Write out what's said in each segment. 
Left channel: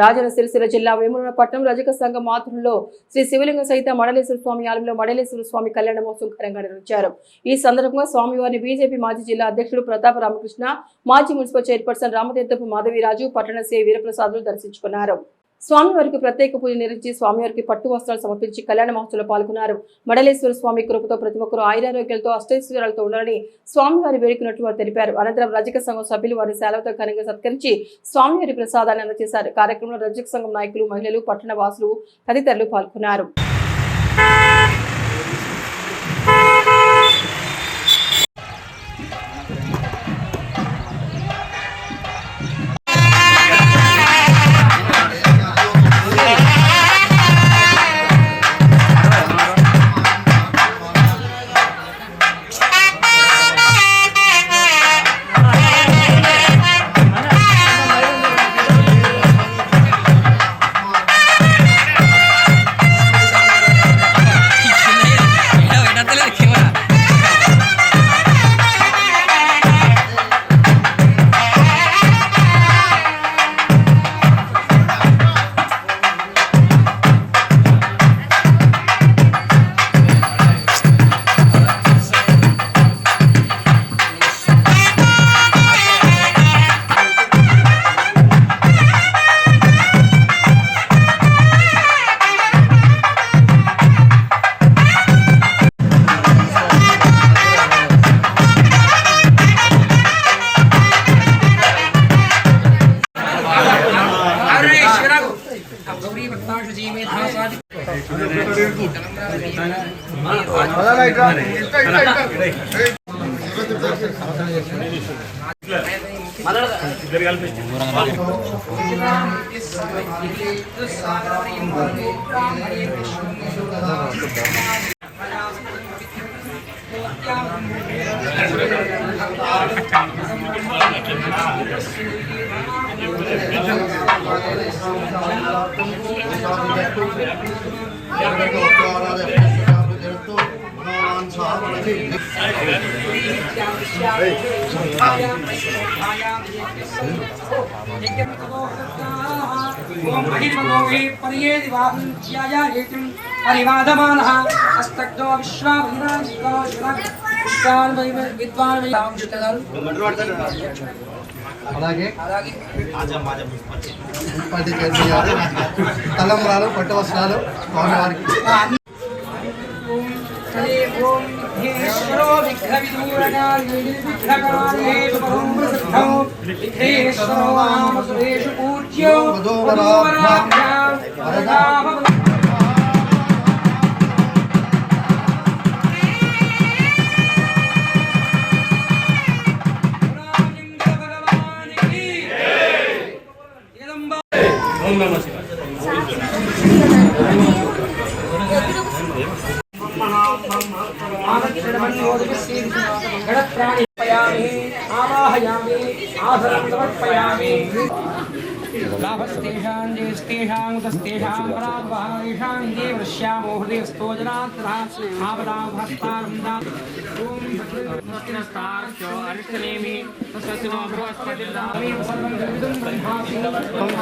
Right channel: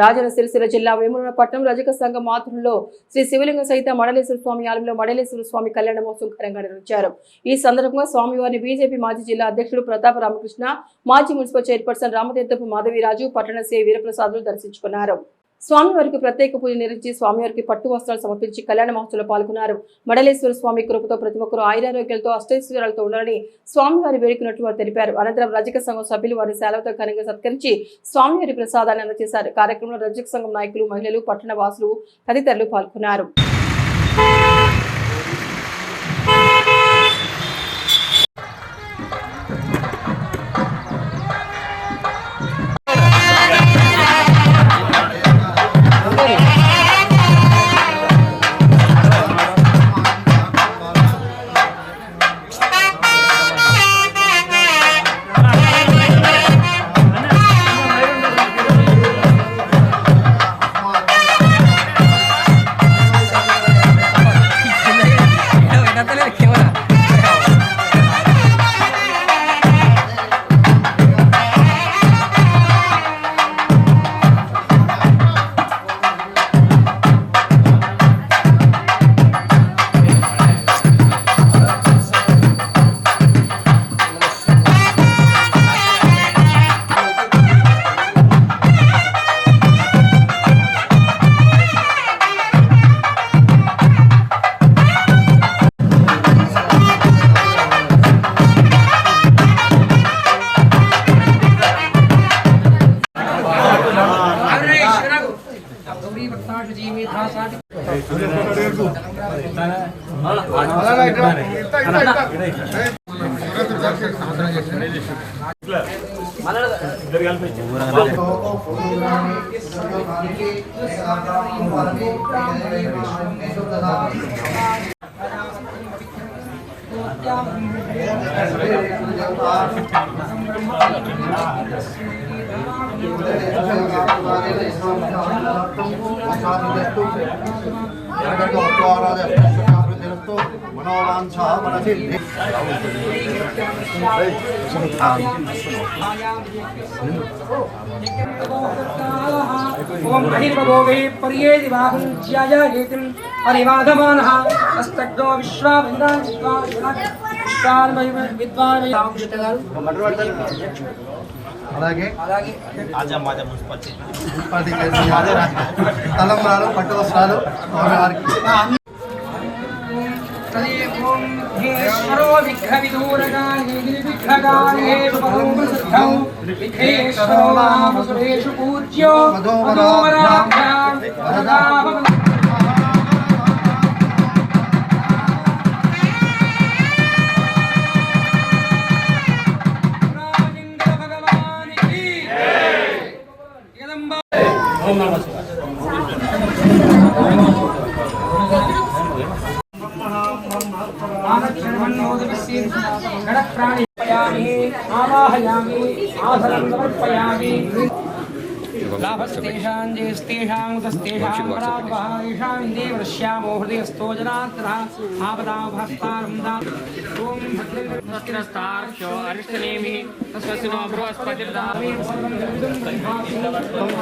రాజన్న సిరిసిల్ల జిల్లా వేములవాడ పట్టణం రజక సంఘం ఆధ్వర్యంలో శ్రీ శివలింగ సహిత మడలేశ్వర స్వామి ఆలయంలో మడలేశ్వర స్వామి కళ్యాణ మహోత్సవం ఘనంగా నిర్వహించారు. ఈ సందర్భంగా స్వామివారిని బీజేపీ మాజీ జిల్లా అధ్యక్షుడు ప్రతాప రామకృష్ణ, మాజీ మున్సిపల్ చైర్పర్సన్ రామతీర్థపు మాధవిరాజు, పట్టణ సి వీరప్రసాదులు దర్శించుకున్నారు. స్వామివారికి ప్రత్యేక పూజ నిర్వహించి స్వామివారికి పట్టు వస్త్రాలు సమర్పించి కళ్యాణ మహోత్సవంలో పాల్గొన్నారు. మడలేశ్వర స్వామి కృపతో ప్రతి ఒక్కరూ ఆయురారోగ్యాలతో అష్టైశ్వర్యాలతో ఉండాలని స్వామివారి వేడుకున్నట్లు వారు తెలిపారు. అనంతరం రజక సంఘం సభ్యులు వారి సెలవుతో ఘనంగా సత్కరించి స్వామివారి ప్రసాదాన్ని అందజేశారు. కార్యక్రమంలో రజక సంఘం నాయకులు, మహిళలు, పట్టణ వాసులు తదితరులు పాల్గొన్నారు. ओम अहिर्भोगै पर्येदि बाहुज्याय हेतिं परिवाधमानः अस्तग्नो विश्वाविद्वान् అలాగే మున్సిపాలిటీ చైర్మన్ తలంబ్రాలు, పట్టు వస్త్రాలు స్వామివారికి.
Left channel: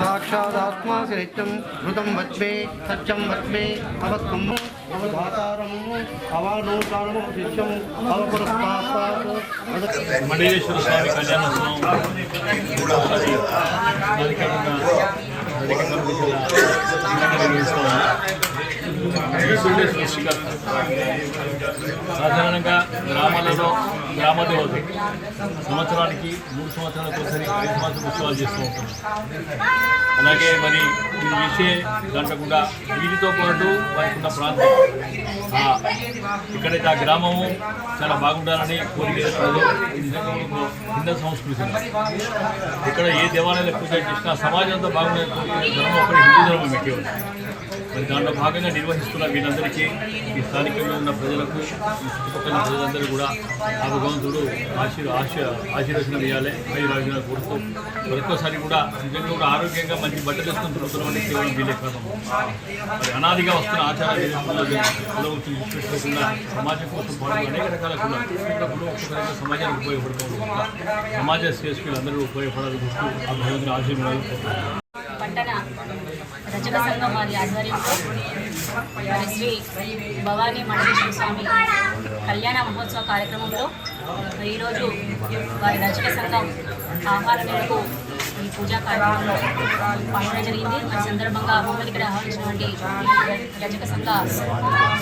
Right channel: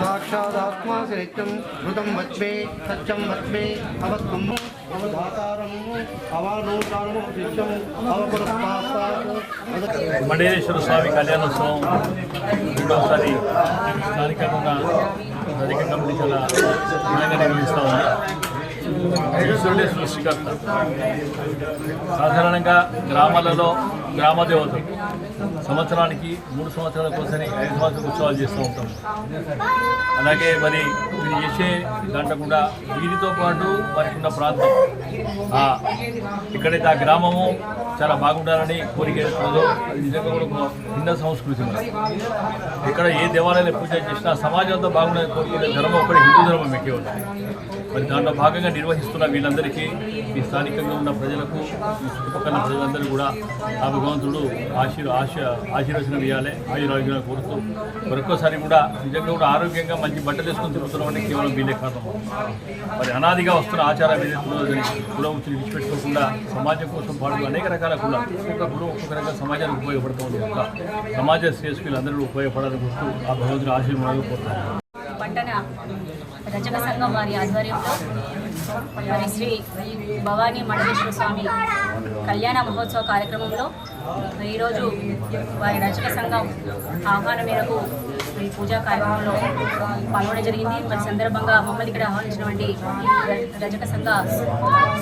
साक्षादात्मा नित्यं ऋतं वच्मे सत्यं वच्मे अवत्कुम्भो अवधातारम् अवानोकारणो शिष्यं अवपुरस्तात् మడలేశ్వర స్వామి కళ్యాణోత్సవం మూడవసారి స్థానికంగా నిర్వహిస్తాము. ఈశ్వరుడే సృష్టికర్త. సాధారణంగా గ్రామాలలో గ్రామ దేవతలు సంవత్సరానికి 3 సంవత్సరాలకు ఒకసారి 5 సంవత్సరాల ఉత్సవాలు చేస్తూ ఉంటాం. అలాగే మరి ఇది చేసే దాంట్లో కూడా వీటితో పాటు వారికి ఉన్న ప్రాంతం ఇక్కడైతే ఆ గ్రామము చాలా బాగుండాలని కోరిక ఏర్పడదు. నిజంగా కూడా భిన్న సంస్కృతి. ఇక్కడ ఏ దేవాలయాన్ని పూజ చేసినా సమాజంతో బాగుండే కోరిక ధర్మం ఒకటి హిందూ ధర్మం ఎక్కి ఉంది. మరి దాంట్లో భాగంగా నిర్వహిస్తున్న వీళ్ళందరికీ, ఈ స్థానికంగా ఉన్న ప్రజలకు, ఈ చుట్టుపక్కల ప్రజలందరూ కూడా ఆ భగవంతుడు ఆశీర్వచనం ఇవ్వాలి, ఆయురారోగ్యాలు కోరుతూ మరొకసారి కూడా నిజంగా కూడా ఆరోగ్యంగా మంచి బట్టలు వేసుకొని తిరుగుతున్నామని కేవలం వీళ్ళే కాదు. మరి అనాదిగా వస్తున్న ఆచారాలు కుల వృత్తులు విడిచిపెట్టుకోకుండా సమాజం కోసం పాటు అనేక రకాల కులం ఒక్కొక్క కులం ఒక్కొక్క రకంగా సమాజానికి ఉపయోగపడుతుంది. సమాజ శ్రేష్ఠులు అందరూ ఉపయోగపడాలని కోరుతూ ఆ భగవంతుని ఆశీర్వాదాలు కోరుతున్నాను. రజక సంఘం వారి ఆధ్వర్యంలో మరి శ్రీ భవానీ మండలేశ్వర స్వామి కళ్యాణ మహోత్సవ కార్యక్రమంలో ఈరోజు వారి రజక సంఘం ఆహ్వానం మేరకు ఈ పూజా కార్యక్రమంలో పాల్గొనడం జరిగింది. మరి సందర్భంగా మమ్మల్ని ఇక్కడ ఆహ్వానించినటువంటి రజక సంఘ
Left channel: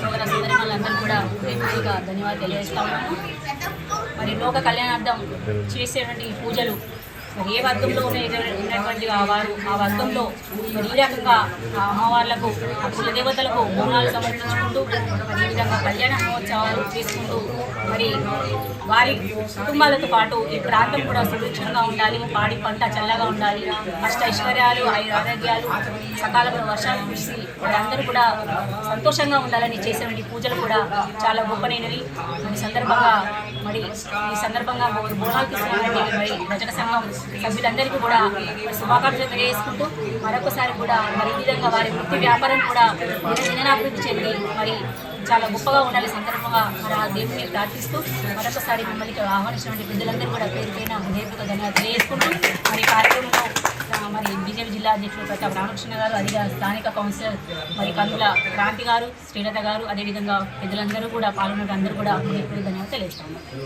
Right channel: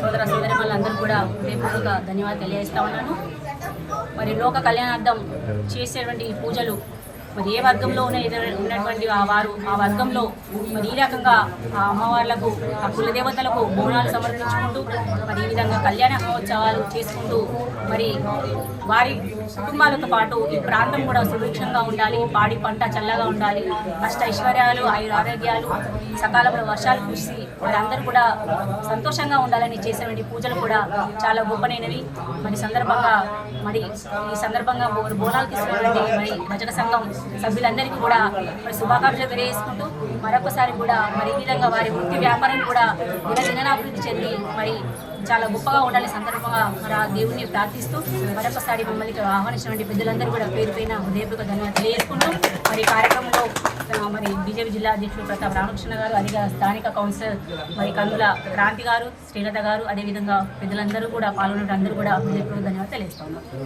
సోదర సోదరిమణులందరూ కూడా హృదయపూర్వక ధన్యవాదాలు తెలియజేస్తా ఉన్నాను. మరి లోక కళ్యాణార్థం చేసేటువంటి పూజలు మరి ఏ వర్గంలో ఉన్నటువంటి వారు ఆ వర్గంలో మరి ఈ రకంగా అమ్మవార్లకు ఆ కులదేవతలకు బోనాలు సమర్పించుకుంటూ మరి ఈ విధంగా కళ్యాణ మహోత్సవాలు చేసుకుంటూ మరి వారి కుటుంబాలతో పాటు ఈ ప్రాంతం కూడా సుభిక్షంగా ఉండాలి, పాడి పంట చల్లగా ఉండాలి, కష్ట ఐశ్వర్యాలు ఆరోగ్యాలు సకాలంలో వర్షాలు కురిసి వాళ్ళందరూ కూడా సంతోషంగా ఉండాలని చేసేటువంటి పూజలు కూడా చాలా గొప్పనైనవి. మరి సందర్భంగా ఈ సందర్భంగా బోనాలు తీసుకున్నటువంటి మరి రజక సంఘం సభ్యులందరికీ కూడా శుభాకాంక్షలు తెలియజేసుకుంటూ మరొకసారి కూడా మరి ఈ విధంగా వారి వృత్తి వ్యాపారం కూడా దినదినాభివృద్ధి చెంది మరి చాలా గొప్పగా ఉండాలి సందర్భంగా మరి ఆ దేవుడిని ప్రార్థిస్తూ మరొకసారి మమ్మల్ని ఆహ్వానించినటువంటి పెద్దలందరూ కూడా పేరు పైన హృదయపూర్వక ధన్యవాదాలు తెలియజేసుకుంటూ మరి కార్యక్రమంలో మరి బీజేపీ జిల్లా అధ్యక్షులు ప్రతాప్ రామకృష్ణ గారు, అదిగా స్థానిక కౌన్సిలర్ మరి కందుల క్రాంతి గారు, శ్రీలత గారు, అదేవిధంగా పెద్దలందరూ కూడా పాల్గొన్న అందరూ కూడా హృదయపూర్వక ధన్యవాదాలు తెలియజేస్తా ఉన్నారు.